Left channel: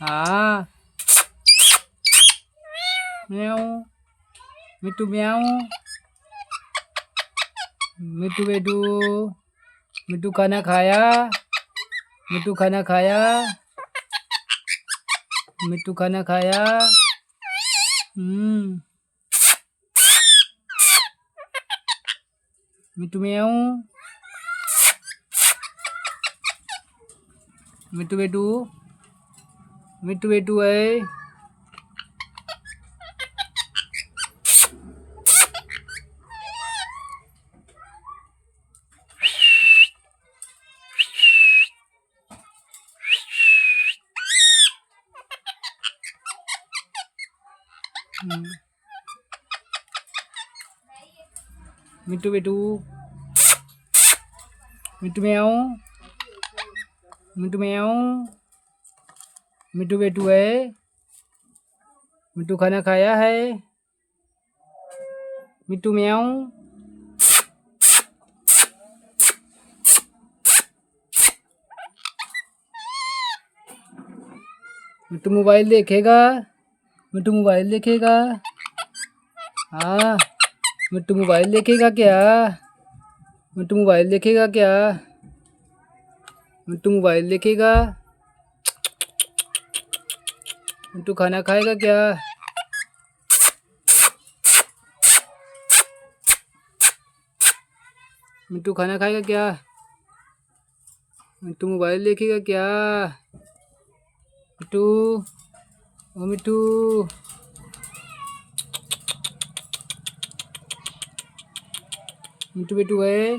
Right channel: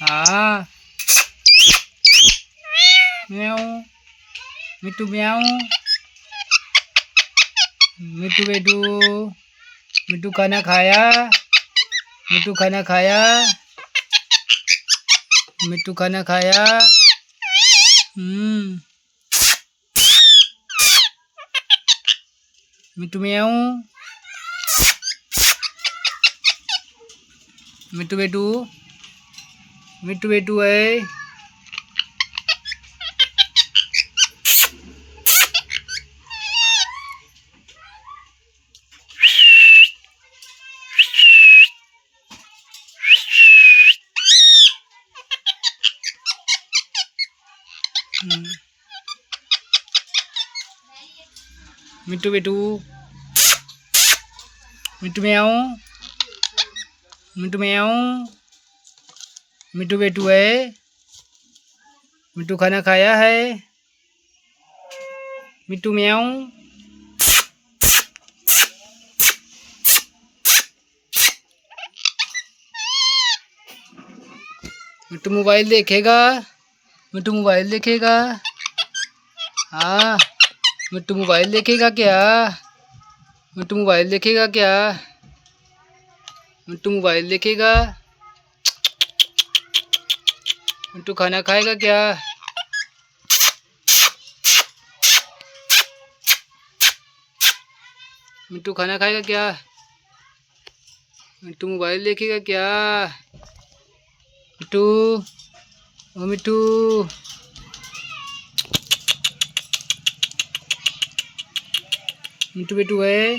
हाँ। म्याऊ। मिट्टू म्याऊ। मिट्टू बेटू। मिट्टू खाना खाया। मिट्टू खाना खाया। मिट्टू खाना खाया। मिट्टू म्याऊ। मिट्टू बेटू। मिट्टू बेटू है। मिट्टू बेटू। मिट्टू म्याऊ। मिट्टू म्याऊ। मिट्टू बेटू है। मिट्टू खाना खाया है। मिट्टू म्याऊ। मिट्टू मोबाइल देखेगा। मिट्टू मोबाइल देखेगा। हाँ। मिट्टू मोबाइल देखेगा क्या? मिट्टू मोबाइल देखेगा क्या? मिट्टू मोबाइल देखेगा। मिट्टू खाना खाएगा क्या? मिट्टू खाना खाएगा क्या? मिट्टू मोबाइल देखेगा क्या? मिट्टू। ओ मिट्टू। मिट्टू बेटू है।